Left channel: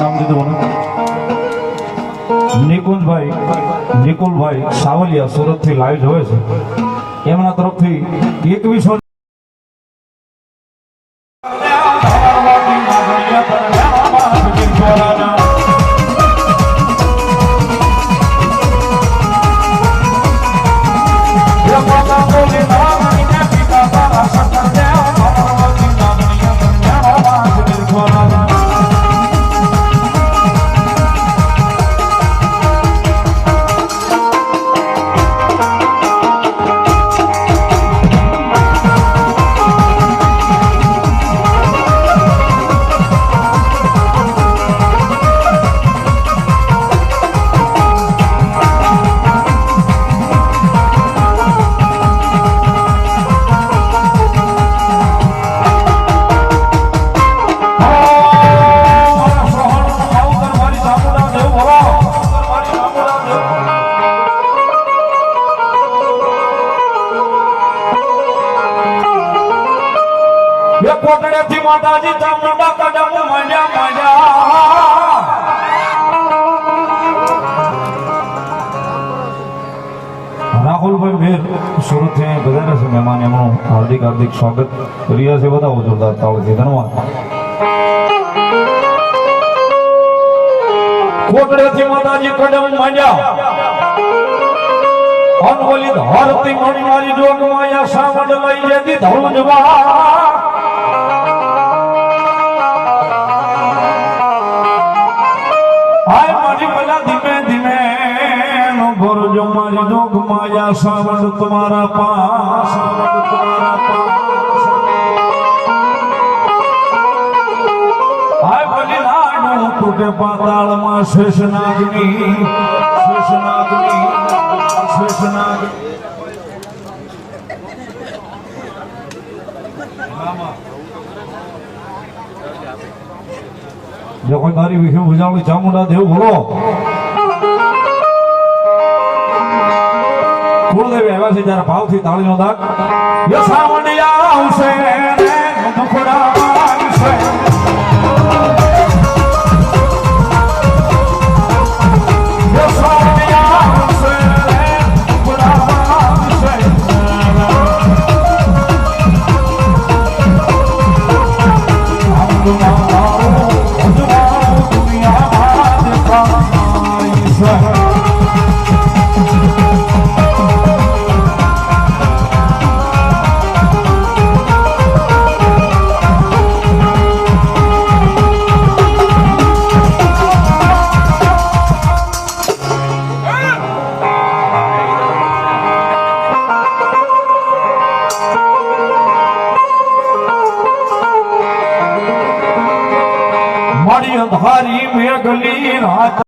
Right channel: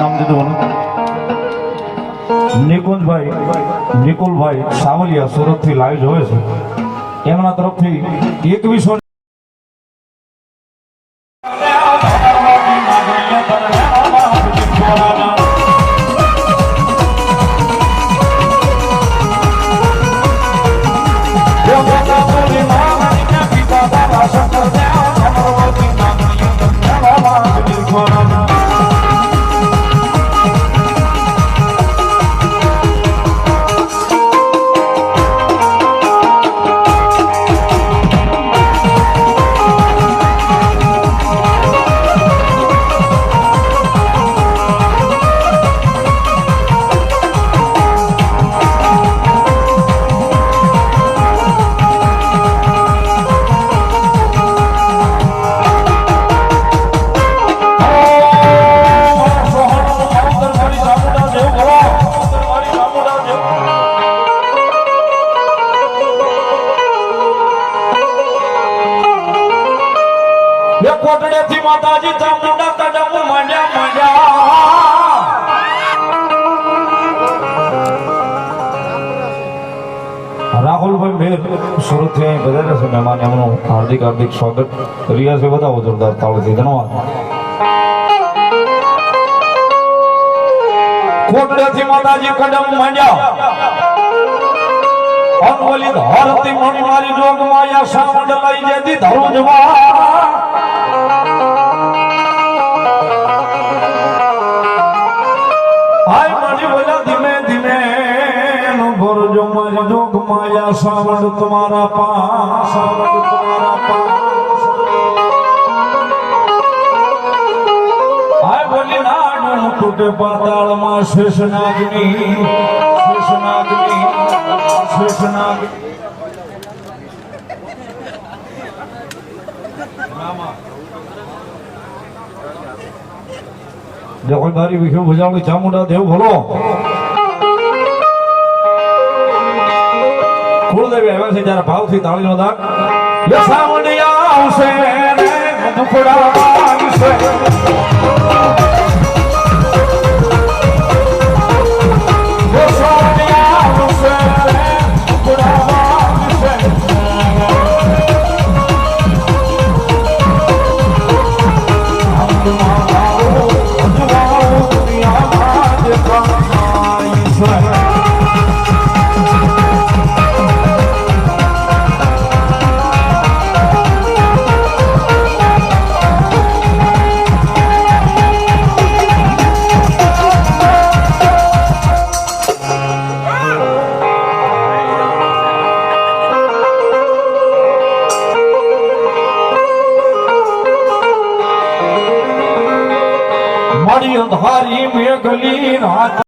નામ દીધું મને. નિકુંજભાઈ નિકુલભાઈ સાવલિયા સુરતથી લાઈવ જોવે છે. એમના તરફથી એકવીસો કોટડેથી માતાજી ચામુંડા કદમ માંડ્યા માંડ્યા રાહુલભાઈ મેર સુરતથી બધા છે મહેમાન, એમનું હાર્દિક હાર્દિક સ્વાગત. રહ્યા છે બધા જોરદાર તાળથી, ધન્યવાદ. કોટડેથી માતાજી કદમ માંડ્યા અંગોલી ધરતી મણી મારી જોગ માયા સાવડ લઈ જેથી ધરું जो मजनू घुमाया सावन तुम्हारा पास। तुम्हारा पास हाय बोली नाडू टूटे पाताल माँ शेषनागनी शेषनागनी शेषनागनी। যখন भारी विष्णु ভূজাল चामुंडा देव बोलो। કુળદેવી આવ્યા ભાવથી તાળીનો દાગ. યસા મંડિયા આવશે દુખડા વાગશે મારી અંધારી મેઘલી રાત